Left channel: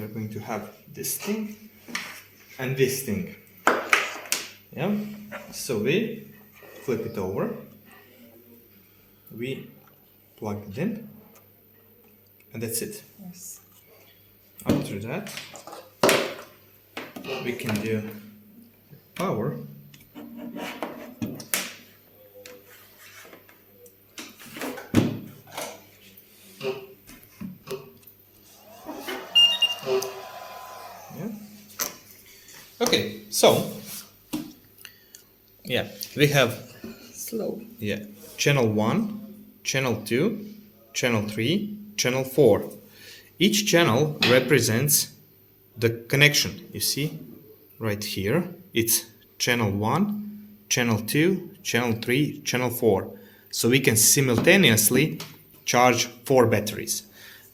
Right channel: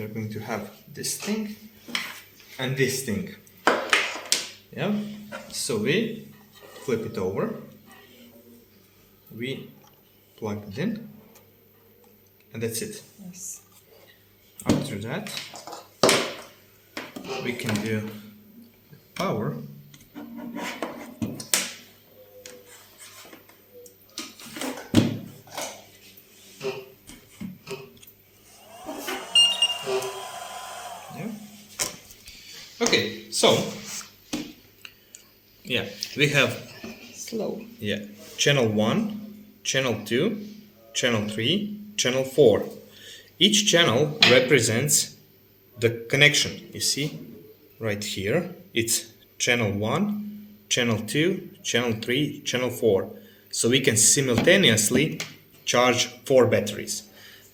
we are going to have this thing and this thing. Yeah, so we flip it over, we plug it in, and that's it. Yes. After that, we can do power. Yeah. Okay, so yeah, we have Slow. channel 1, channel 2, channel 3, channel 4. Each channel represents the connection. You see right here, it's channel 1, channel 2, channel 3, channel 4. So we can simultaneously charge 4 batteries.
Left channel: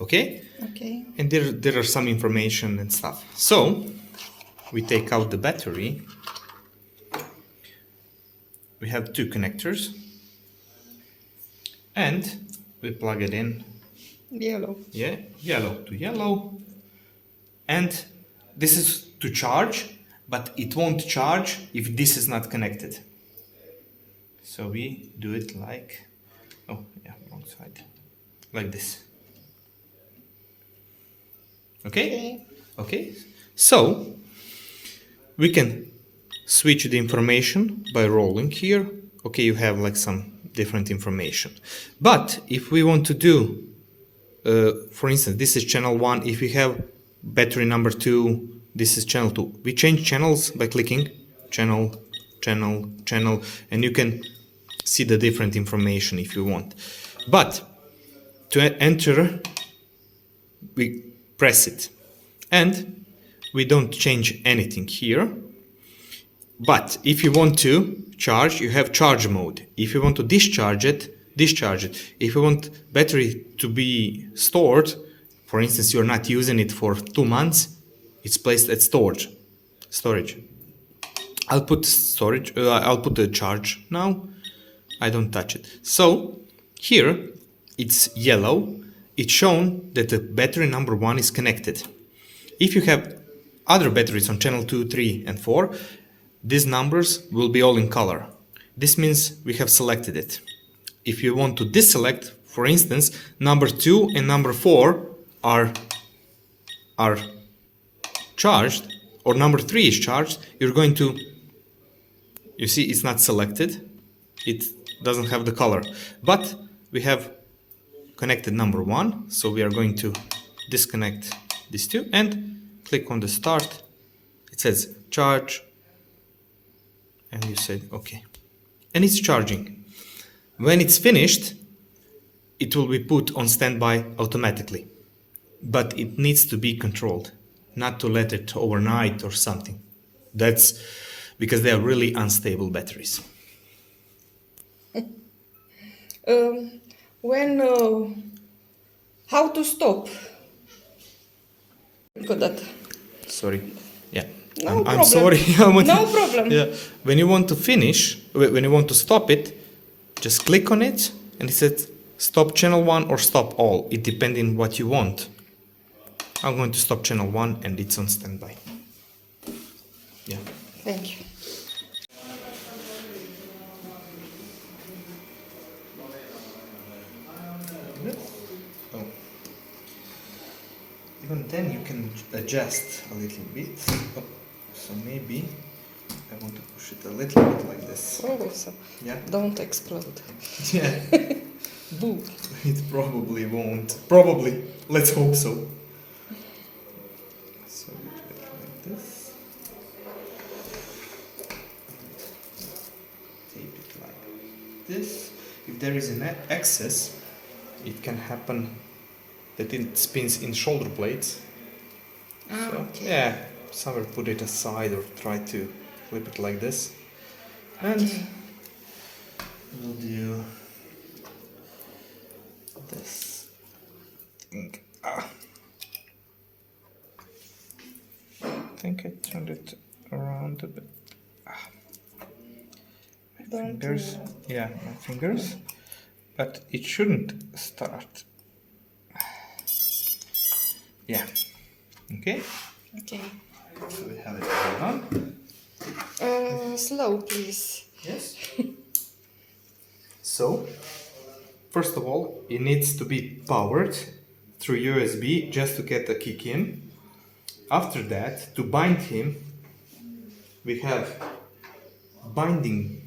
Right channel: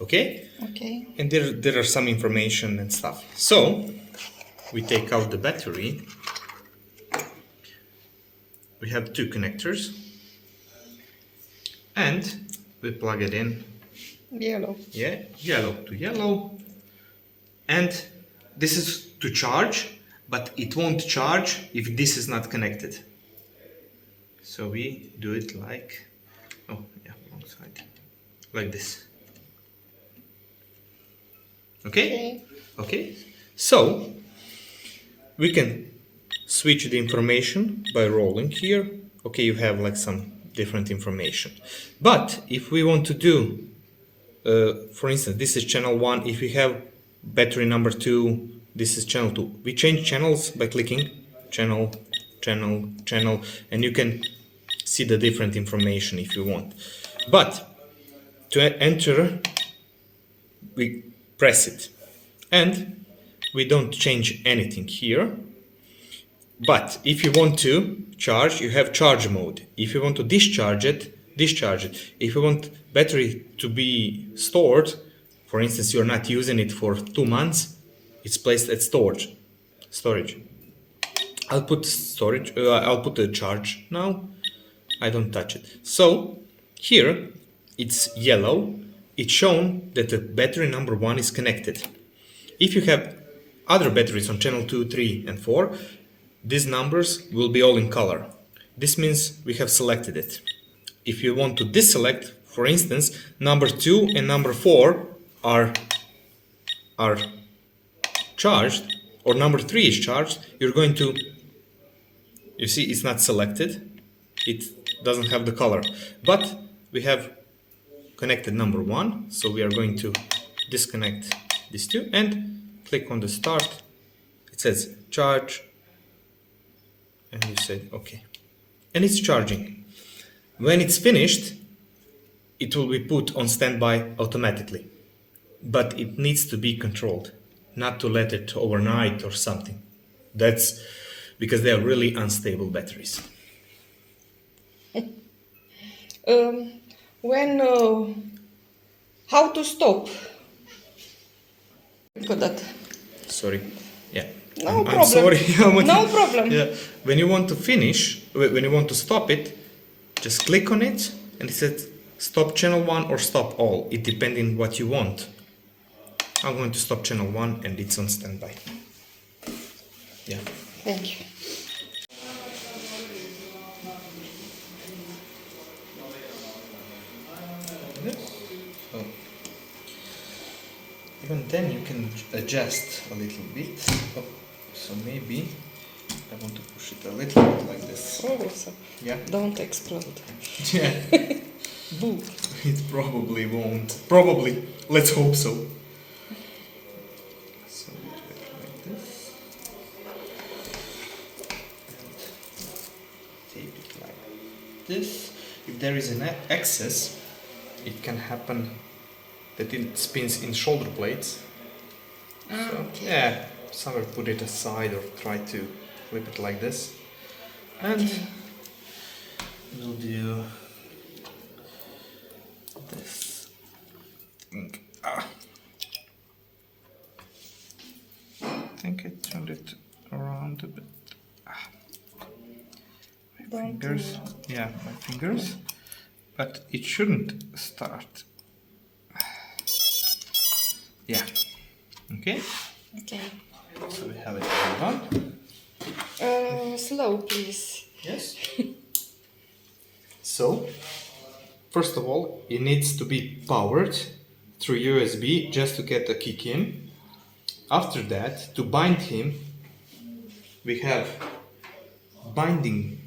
Okay? Okay. And there are some information and stuff. So we take out the battery. We have 2 connectors. And we plug it in. Yellow. Yeah, yellow to yellow. And this is to charge, but it won't charge if this is not connected. So we do it like, oh yeah, wrong side, like this. Okay? Okay. So we can switch the information by rolling here. Okay, you have like some different information. But if we want to do, for instance, this is channel 1. If we have battery number 2, this is channel 2. We change channels by clicking channel, channel, channel, and you can see the different information if you want. But to enter, we press it. And we don't change anything here. But if you want to charge, you have charge mode. If you want to discharge it, discharge it. If you want battery to be stored, for instance, you're not using it for 2 months, it's placed at storage. I'll put storage. I'll put the charge now. I don't touch it. So here it's yellow. It's shown that the battery number 1 is connected. If you have other batteries on channel 2, 3, and 4, these numbers will be all in color. This means we have selected it. If you want to deselect, for instance, number 2 and number 4 are charged, or number 3 is charged, you're going to, you see it's not selected, it doesn't have the color. But we have connected number 1, so we are going to disconnect these 2 and click on the start. It says charge, and you said okay, and it's charging. When it's finished, it will be put on standby automatically, but it needs to be controlled, not to let it overnight or something. That's because they are really unstable batteries. How to stop? Got that. Sorry. Yeah. No I'm problem. sorry. No problem. Yeah. When you want to finish, when you want to stop it, just click on it and it says stop channel 1 or stop all. It depends on what you want. I'm going to stop channel 1 and it's on standby. Yeah. Thank you. So, even then you can adjust a little bit. Oh, so maybe I want to push it a little bit like this. Oh, so Yeah. don't explode. Yeah. Boo. It probably won't. Probably. Let's hope so. So we do it like this. And tape it like this. If there is an excess, it can happen that it spins in shoulder blades. So, Okay. yeah, somewhere put it aside or try to flip it like this. And we'll do this thing. I think I turned it around a bit. My Don't fingers. do Yeah, my fingers. But it shouldn't start. Yeah. Okay, Okay. so we have it all done. Slow, please. Yes. So, first of all, it needs to be powered through USB just to get a kick in. After that, to bind him, we have binding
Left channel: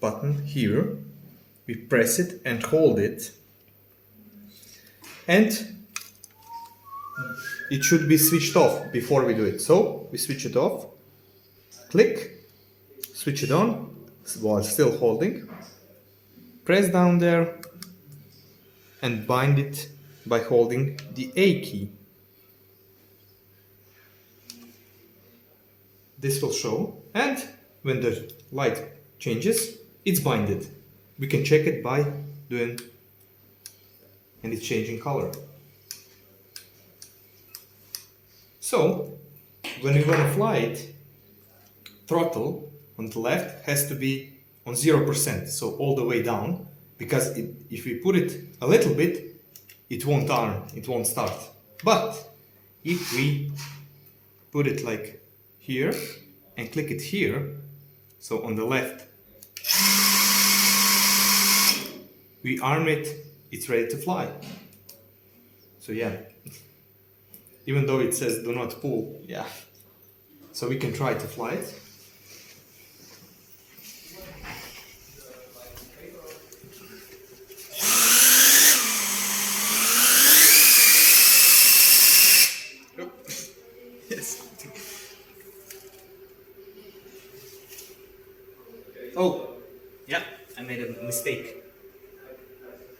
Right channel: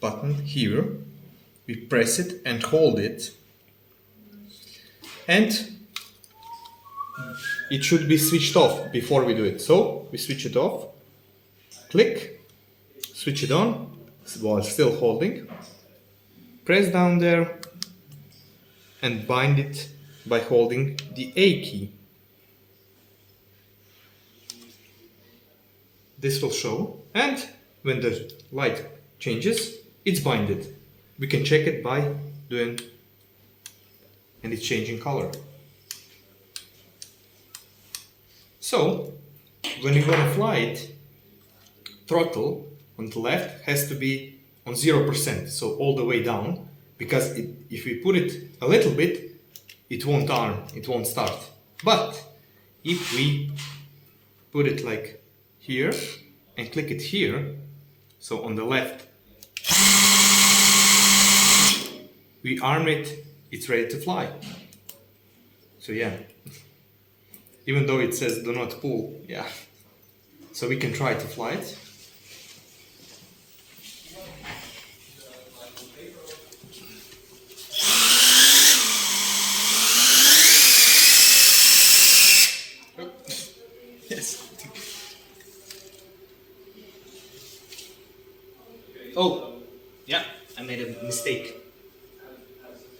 button here. We press it and hold it, and it should be switched off before we do it. So we switch it off, click, switch it on while still holding, press down there and bind it by holding the A key. This will show, and when the light changes, it's binded. We can check it by doing, and it's changing color. So, when you want to fly it, throttle on the left has to be on 0%, so all the way down, because if we put it a little bit, it won't arm, it won't start. But if we put it like here and click it here, so on the left, we arm it, it's ready to fly. So yeah, even though it says do not pull, yeah. So we can try to fly it. Yes. Oh, yeah, I made a mistake.